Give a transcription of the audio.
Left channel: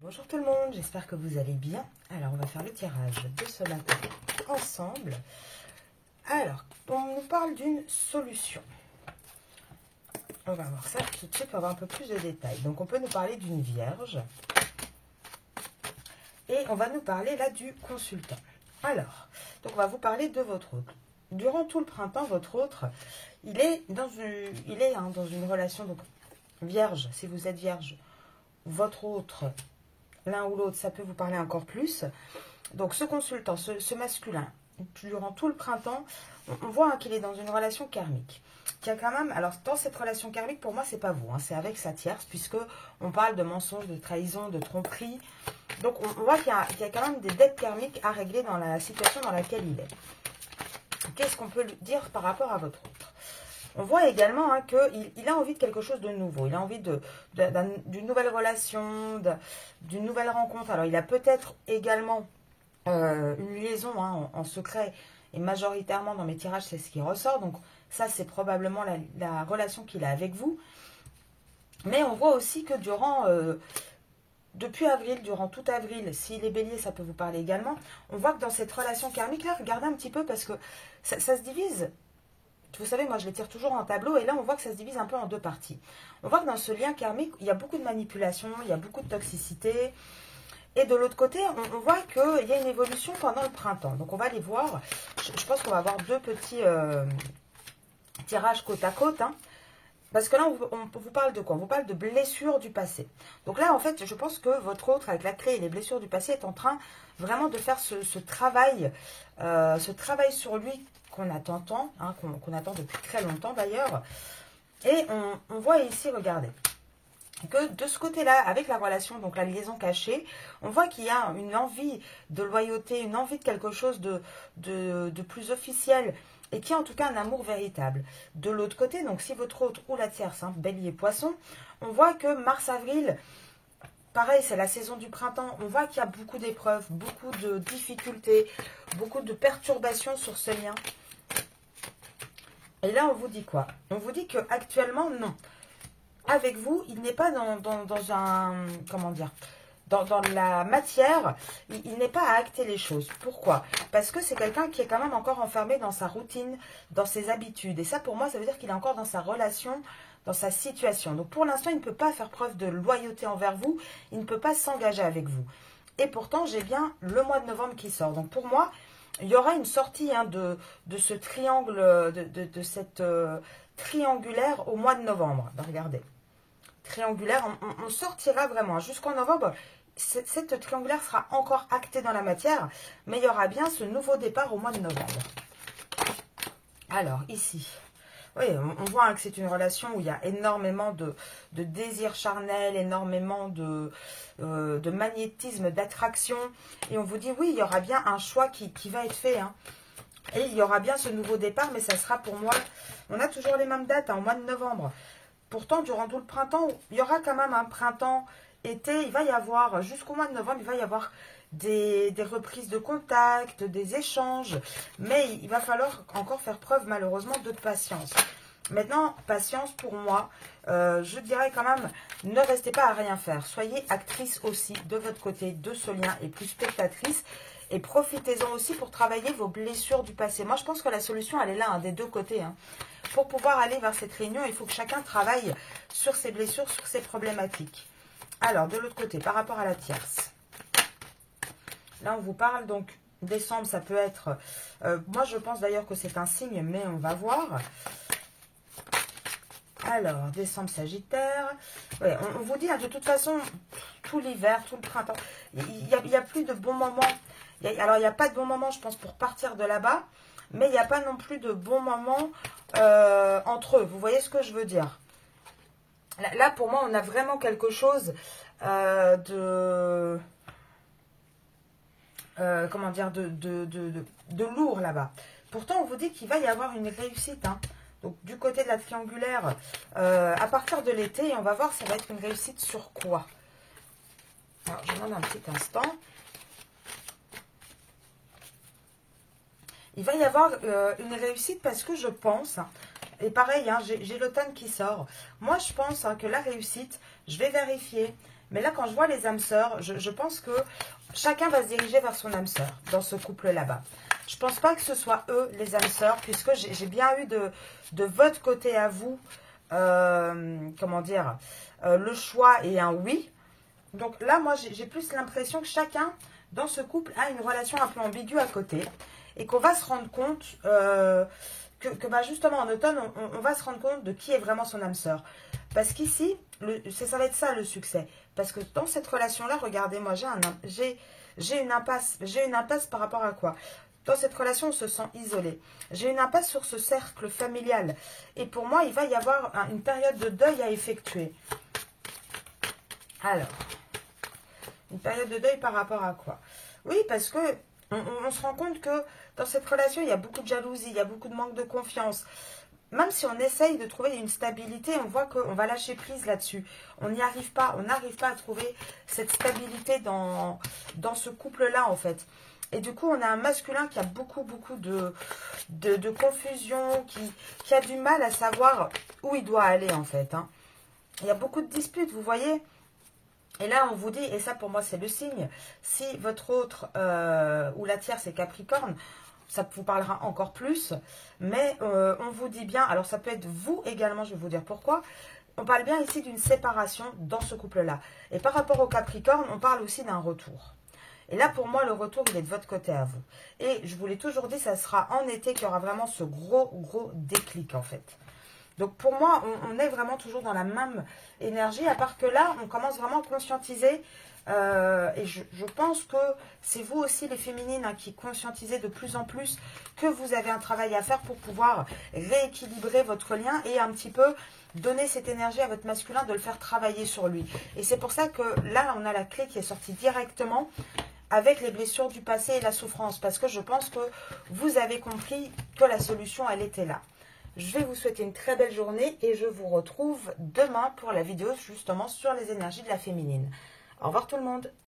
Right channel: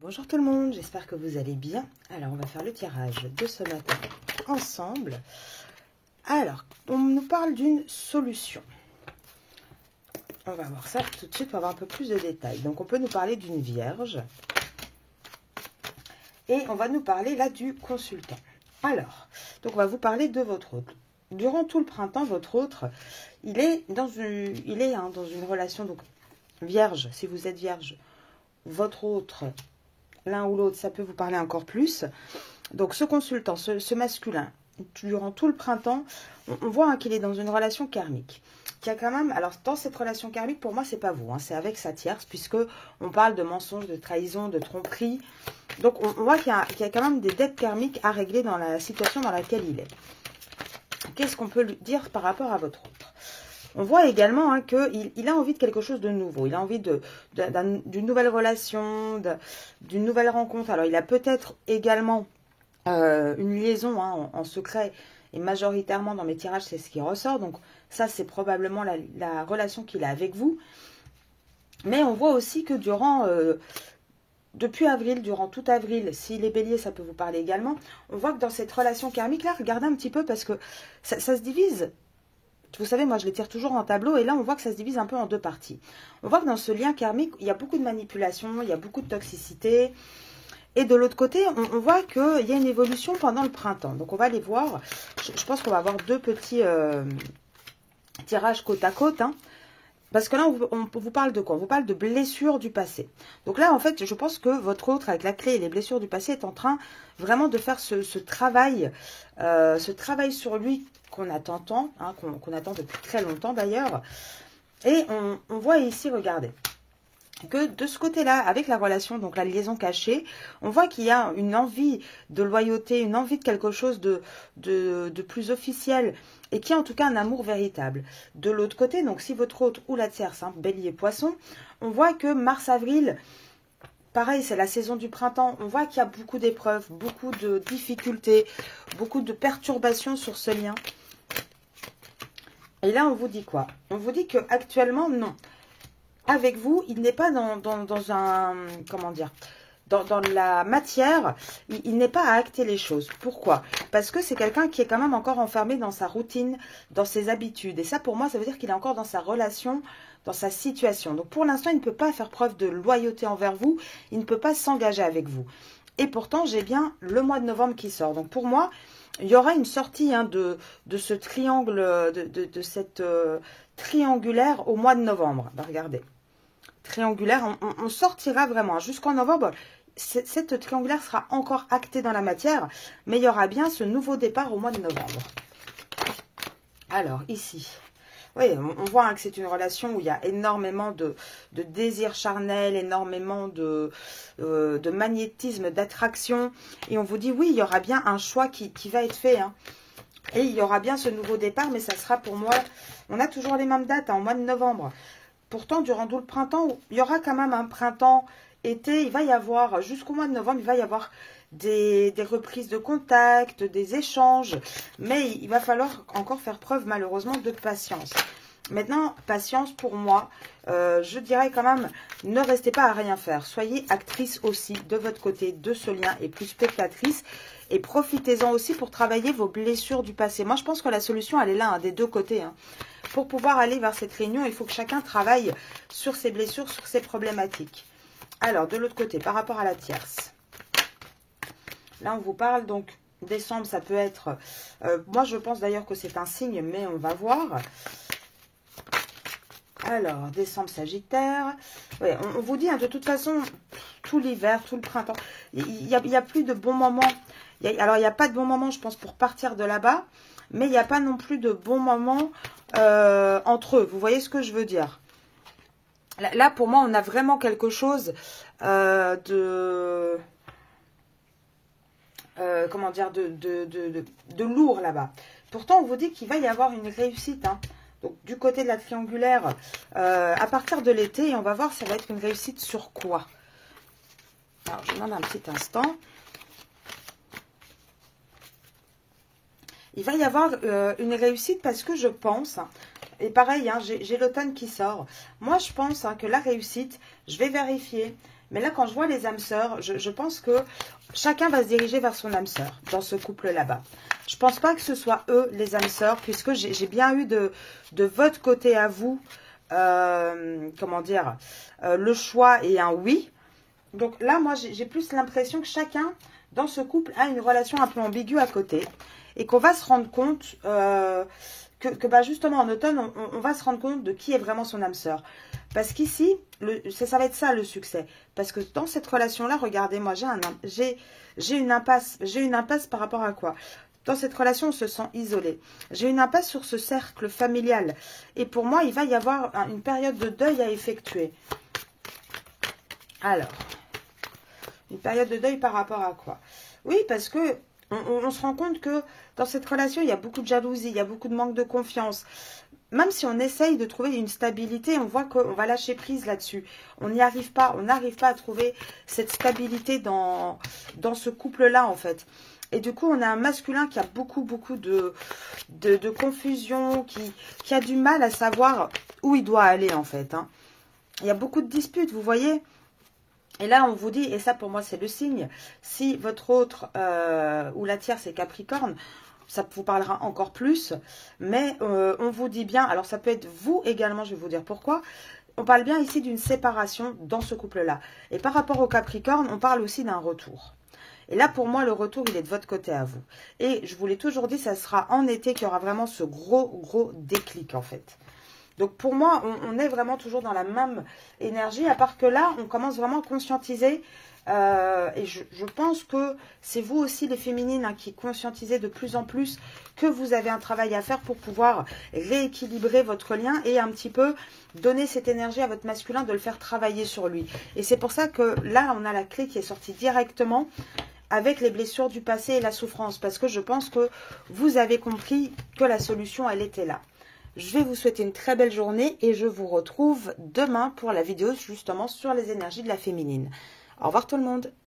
Bonjour tout le monde, j'espère que vous allez bien. Alors, on va faire le tirage de ce matin ensemble. Alors, on nous parle d'une solution. On va voir ça tout de suite pour avoir un peu plus de détails. Donc, on peut nous parler d'une vierge. Et on va nous parler là du consultant. Alors, donc on va vous parler de votre autre. Durant tout le printemps, votre autre, il est dans une relation, donc vierge, si vous êtes vierge, votre autre, l'un ou l'autre, ça peut vous parler encore plus. Donc ce consultant, ce masculin, durant tout le printemps, on voit qu'il est dans une relation karmique. Qui a quand même, alors dans cette relation karmique, pour moi, c'est pas vous, c'est avec sa tierce, puisque on parle de mensonges, de trahison, de tromperie. Donc on voit qu'il y a quand même des dettes karmiques à régler dans la situation dans laquelle il est. Qu'est-ce qu'on peut lui dire par rapport à votre autre? On voit également qu'il a envie de quelque chose de nouveau. Il a envie d'une nouvelle relation, d'une nouvelle rencontre. Alors, il a peut-être également une liaison en secret. Et majoritairement, dans mes tirages, c'est ce qui ressort. Donc, ça, c'est probablement la relation qu'il a avec vous. Mais on voit aussi que depuis avril, durant tout avril, s'il est bélier, ça peut vous parler également. On voit que dans cette relation karmique-là, regardez un petit peu parce que ça se divise. Vous savez, moi, je les tire toujours en tableau. Et là, on voit que ça se divise un peu en deux parties. On voit que dans ce lien karmique, il y a beaucoup de manipulation, il y a beaucoup de toxicité. Et de l'autre côté, on voit qu'il y a une évolution pendant le printemps. Donc, on va les voir. Je pense qu'on va avoir deux petits tirages côte à côte. Parce que là, on vous parle de quoi? On vous parle de blessures du passé. Donc là, en fait, je pense que votre autre, avec la clé et les blessures du passé, est en train vraiment de faire ce travail sur lui qu'on attend tant, qu'on attend depuis très longtemps d'ailleurs. Et on voit ici, regardez, que de ce côté-là, avec la relation, donc la liaison cachée, on voit qu'il y a une envie de loyauté, une envie de quelque chose de plus officiel, et qui a en tout cas un amour véritable. De l'autre côté, donc si votre autre ou la tierce, bélier, poisson, on voit que mars-avril, pareil, c'est la saison du printemps, on voit qu'il y a beaucoup d'épreuves, beaucoup de difficultés, beaucoup de perturbations sur ce lien. Et là, on vous dit quoi? On vous dit qu'actuellement, non. Avec vous, il n'est pas dans un, comment dire, dans la matière, il n'est pas à acter les choses. Pourquoi? Parce que c'est quelqu'un qui est quand même encore enfermé dans sa routine, dans ses habitudes. Et ça, pour moi, ça veut dire qu'il est encore dans sa relation, dans sa situation. Donc, pour l'instant, il ne peut pas faire preuve de loyauté envers vous. Il ne peut pas s'engager avec vous. Et pourtant, j'ai bien le mois de novembre qui sort. Donc, pour moi, il y aura une sortie de ce triangle, de cette triangulaire au mois de novembre. Ben, regardez. Triangulaire, on sortira vraiment jusqu'en novembre. Cette triangulaire sera encore actée dans la matière, mais il y aura bien ce nouveau départ au mois de novembre. Alors, ici, oui, on voit que c'est une relation où il y a énormément de désir charnel, énormément de magnétisme, d'attraction. Et on vous dit, oui, il y aura bien un choix qui va être fait. Et il y aura bien ce nouveau départ, mais ça sera pour moi, on a toujours les mêmes dates, au mois de novembre. Pourtant, durant tout le printemps, il y aura quand même un printemps, été, il va y avoir, jusqu'au mois de novembre, il va y avoir des reprises de contact, des échanges. Mais il va falloir encore faire preuve, malheureusement, de patience. Maintenant, patience pour moi, je dirais quand même, ne restez pas à rien faire. Soyez actrice aussi de votre côté de ce lien et plus spectatrice. Et profitez-en aussi pour travailler vos blessures du passé. Moi, je pense que la solution, elle est là, des deux côtés. Pour pouvoir aller vers cette réunion, il faut que chacun travaille sur ses blessures, sur ses problématiques. Alors, de l'autre côté, par rapport à la tierce. Là, on vous parle donc, décembre, ça peut être... moi, je pense d'ailleurs que c'est un signe, mais on va voir. Alors, décembre, Sagittaire. Ouais, on vous dit, de toute façon, tout l'hiver, tout le printemps, il y a plus de bons moments. Alors, il n'y a pas de bons moments, je pense, pour partir de là-bas. Mais il n'y a pas non plus de bons moments entre eux. Vous voyez ce que je veux dire? Là, pour moi, on a vraiment quelque chose comment dire, de lourd là-bas. Pourtant, on vous dit qu'il va y avoir une réussite. Donc, du côté de la triangulaire, à partir de l'été, on va voir si ça va être une réussite sur quoi. Alors, je demande un petit instant. Il va y avoir une réussite parce que je pense, et pareil, j'ai l'automne qui sort. Moi, je pense que la réussite, je vais vérifier, Mais là, quand je vois les âmes sœurs, je pense que chacun va se diriger vers son âme sœur dans ce couple là-bas. Je ne pense pas que ce soit eux, les âmes sœurs, puisque j'ai bien eu de votre côté à vous, comment dire, le choix et un oui. Donc là, moi, j'ai plus l'impression que chacun, dans ce couple, a une relation un peu ambiguë à côté. Et qu'on va se rendre compte bah justement, en automne, on va se rendre compte de qui est vraiment son âme sœur. Parce qu'ici, ça va être ça le succès. Parce que dans cette relation-là, regardez, moi, j'ai une impasse. J'ai une impasse par rapport à quoi? Dans cette relation, on se sent isolé. J'ai une impasse sur ce cercle familial. Et pour moi, il va y avoir une période de deuil à effectuer. Alors, une période de deuil par rapport à quoi? Oui, parce que on se rend compte que dans cette relation, il y a beaucoup de jalousie, il y a beaucoup de manque de confiance. Même si on essaye de trouver une stabilité, on voit qu'on va lâcher prise là-dessus. On n'y arrive pas, on n'arrive pas à trouver cette stabilité dans ce couple-là, en fait. Et du coup, on a un masculin qui a beaucoup de confusion, qui a du mal à savoir où il doit aller, en fait. Hein. Il y a beaucoup de disputes, vous voyez. Et là, on vous dit, et ça pour moi c'est le signe, si votre autre ou la tierce est Capricorne, ça vous parlera encore plus, mais on vous dit bien, alors ça peut être vous également, je vais vous dire pourquoi, on parle bien ici d'une séparation dans ce couple-là. Et par rapport au Capricorne, on parle aussi d'un retour. Et là, pour moi, le retour, il est de votre côté à vous. Et je vous l'ai toujours dit, ça sera en été qu'il y aura vraiment ce gros déclic, en fait. Donc, pour moi, on est vraiment toujours dans la même énergie, à part que là, on commence vraiment à conscientiser. Et je pense que c'est vous aussi, les féminines, hein, qui conscientisez de plus en plus que vous avez un travail à faire pour pouvoir rééquilibrer votre lien et un petit peu donner cette énergie à votre masculin, de le faire travailler sur lui. Et c'est pour ça que là, on a la clé qui est sortie directement avec les blessures du passé et la souffrance. Parce que je pense que vous avez compris que la solution, elle était là. Je vais vous souhaiter une très belle journée et je vous retrouve demain pour la vidéo justement sur les énergies de la féminine. Au revoir tout le monde.